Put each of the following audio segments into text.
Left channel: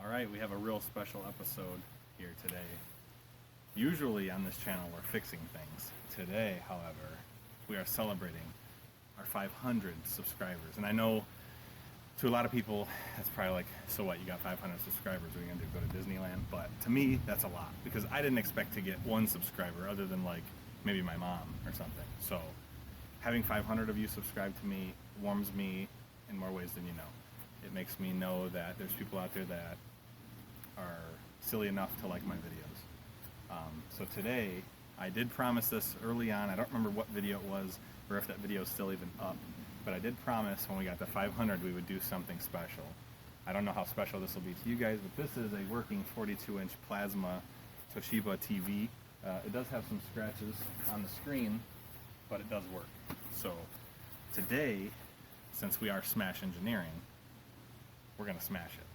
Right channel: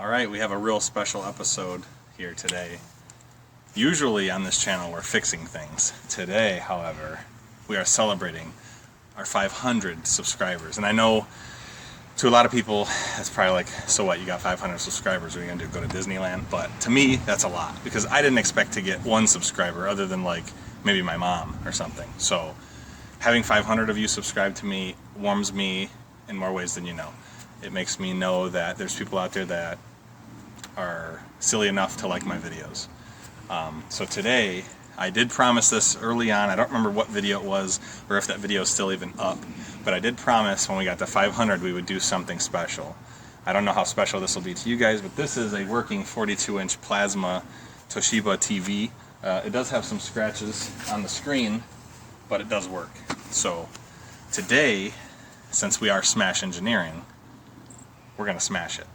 Alright, we have a real special episode here today. Usually on this channel we're fixing things. Today, however, we are celebrating our 500 subscribers. And I know to a lot of people that's probably like, so what, you got 500 subscribers, what are you gonna do, go to Disneyland? But to me, that's a lot, because I didn't expect to get one subscriber other than like maybe my mom or something. So having 500 of you subscribe to me warms me in more ways than you know. It makes me know that there's people out there that are silly enough to like my videos. So today, I did promise this early on. I don't remember what video it was or if that video is still even up, but I did promise when we got to 500 we would do something special. I don't know how special this will be to you guys, but this is a working 42-inch plasma Toshiba TV. It does have some scratches on the screen, but it does work. So today, since we are Smash Engineering, we're gonna smash it.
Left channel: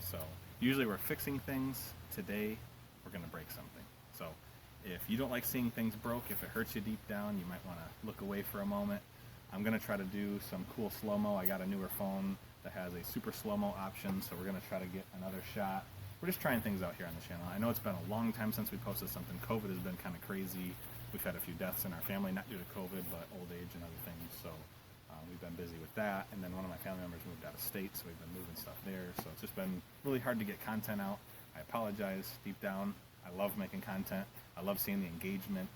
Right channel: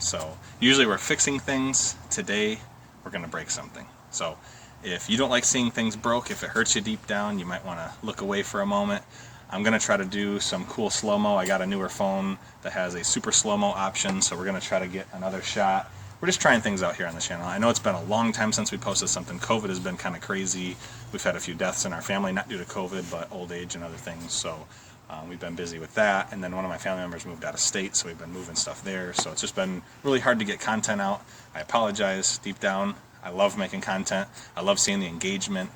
So usually we're fixing things. Today we're gonna break something. So if you don't like seeing things broke, if it hurts you deep down, you might want to look away for a moment. I'm gonna try to do some cool slow-mo. I got a newer phone that has a super slow-mo option, so we're gonna try to get another shot. We're just trying things out here on the channel. I know it's been a long time since we posted something. COVID has been kind of crazy. We've had a few deaths in our family, not due to COVID, but old age and other things. So we've been busy with that. And then one of my family members moved out of state, so we've been moving stuff there. So it's just been really hard to get content out. I apologize deep down. I love making content. I love seeing the engagement.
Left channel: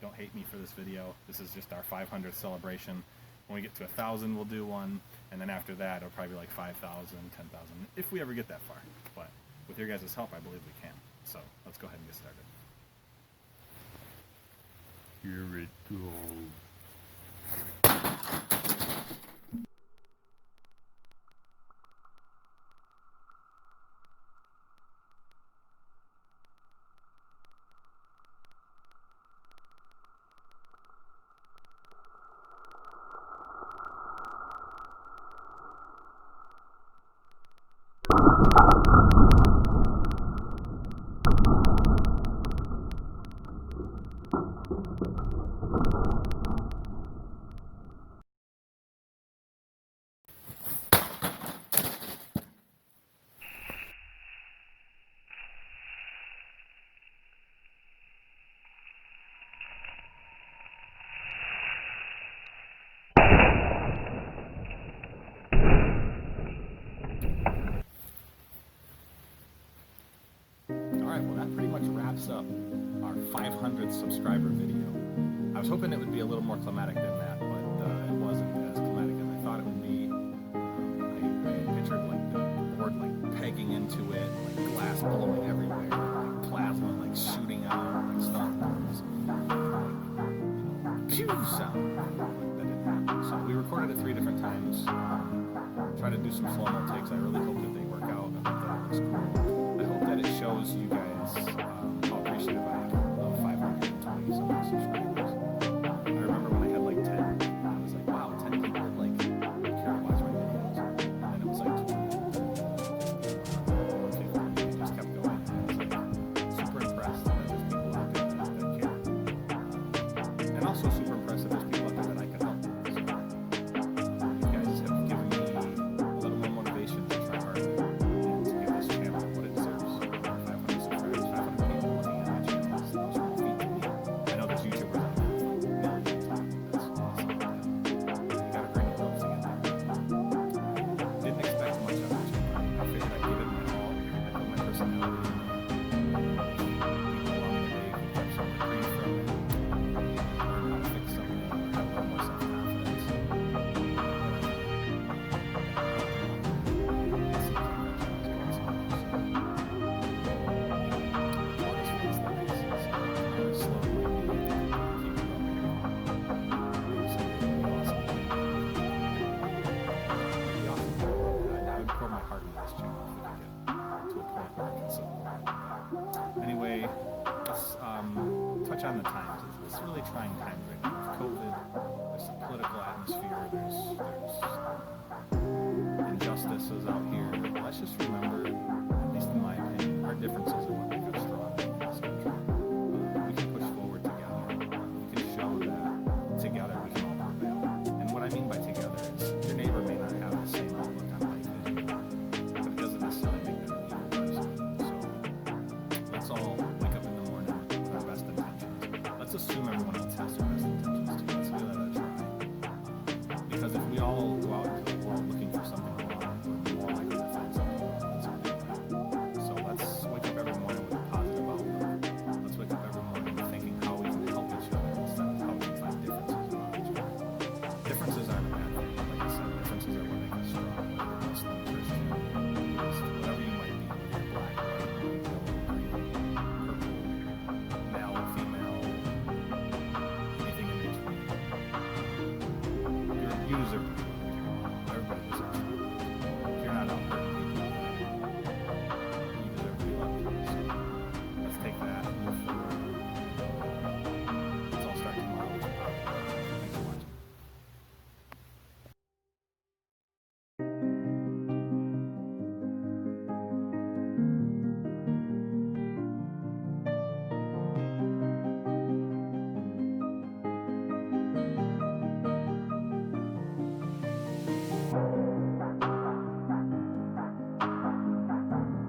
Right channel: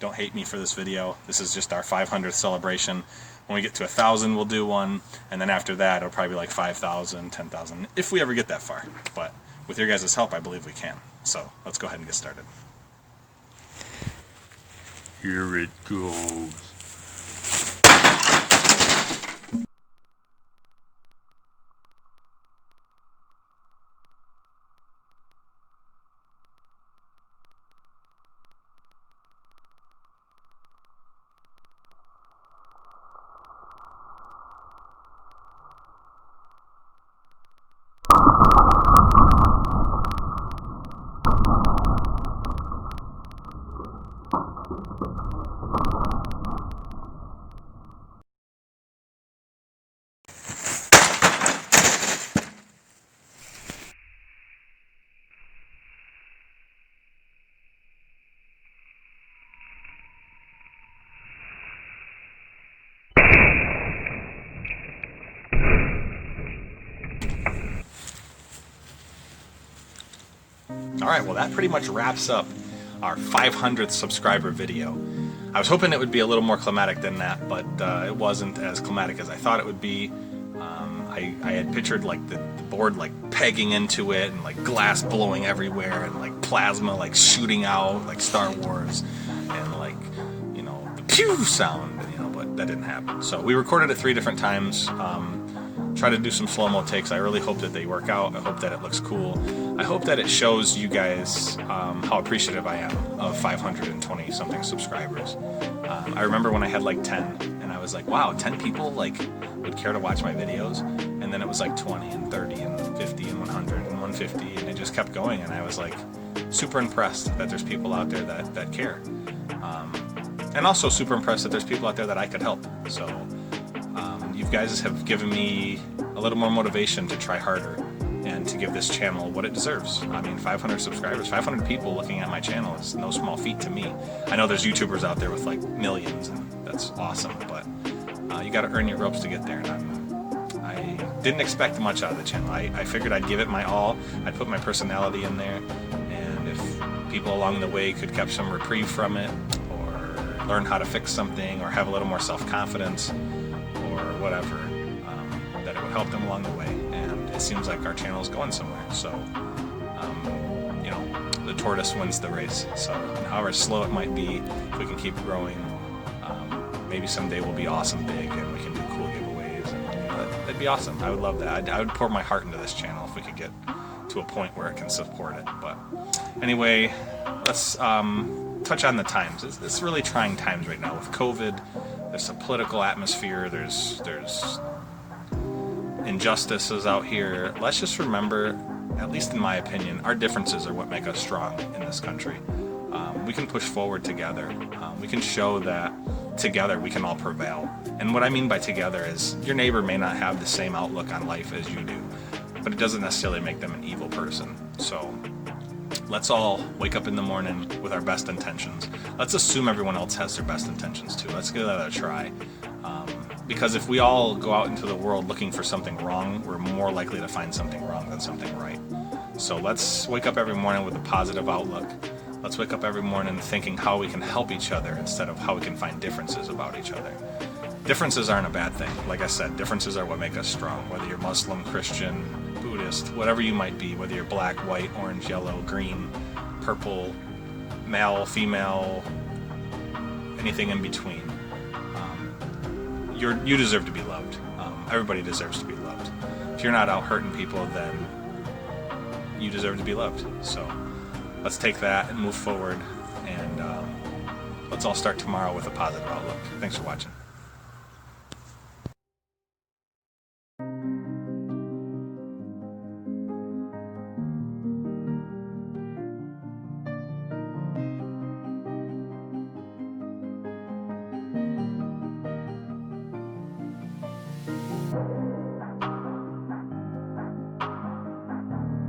Don't hate me for this video. This is just our 500th celebration. When we get to 1,000, we'll do one. And then after that, it'll probably be like 5,000, 10,000, if we ever get that far. But with your guys' help, I believe we can. So let's go ahead and get started. Here it goes. Alright, well that pretty much wraps up our 500th subscriber video. I was hoping it would be a little more climatic than that, but it wasn't as climatic as I thought it would be. I had pictured like the board like pegging into it and like glass blowing everywhere and like plasma like shooting out like Star Wars and like, you know, the pew sound, you know, but that didn't happen. So we recorded it 3 different times. Try to do some slow-mo takes. I really hope that they work out. I hope that it looks cool. I hope that it shows you guys how appreciative I am of 520 something subscribers. I remember when I had like 10 and I was like, wow, 10 people like would care to watch my videos, and then it was like 20 and 30 and 50 and 100 and 150, and it just kept going, and I was like super impressed that there's people out there that care, and also super impressed that there's people out there that I could help. So you guys have given me a little more motivation to try harder and to give this channel what it deserves. I mean, 500 subscribers, 500 people looking at my channel is no small feat to me. I know there's YouTubers out there with like millions, and that's awesome, but you gotta earn your ropes to get there. And I didn't expect much out of the channel. I figured I'd give it my all. I'd put my personality in there, and if people along the way could catch some reprieve from it, or learn how to fix something, or have a little more self-confidence, or whatever, that it would help them along the way. And it seems like our channel is going somewhere. So, you know, the tortoise wins the race. So, however slow it might be, if we can keep growing, maybe someday we'll be awesome big and we can do cool giveaways. That'd be awesome. I would love that. I would pour my heart into this channel if we could get to a point where it can support it. But anyway, let's touch on the times. It's really trying times right now with COVID. There's a political atmosphere. There's injustices out here. Let's just remember, at least in my opinion, our differences are what make us strong in this country. We can push forward together. We can show that together we can all prevail. And what I mean by together is your neighbor may not have the same outlook on life as you do. but it doesn't necessarily make them an evil person. So let's all wake up in the morning with our best intentions. Let's assume everyone else has their best intentions too. Let's give that a try. Because if we all go out into the world looking for something wrong, we're more likely to find something wrong than something right. So let's wake up every morning with a positive outlook. Let's wake up every morning thinking how we can help each other instead of how we can find differences about each other. Differences aren't a bad thing. Like I said, differences are what make us strong. Whether you're Muslim, Christian, Buddhist, whatever you might be, whether you're black, white, orange, yellow, green, purple, male, female, anything in between. You deserve to be loved. Everybody deserves to be loved. If you're not out hurting people, then you deserve to be loved. So let's take that and move forward, and let's all start tomorrow with a positive outlook. Thanks for watching.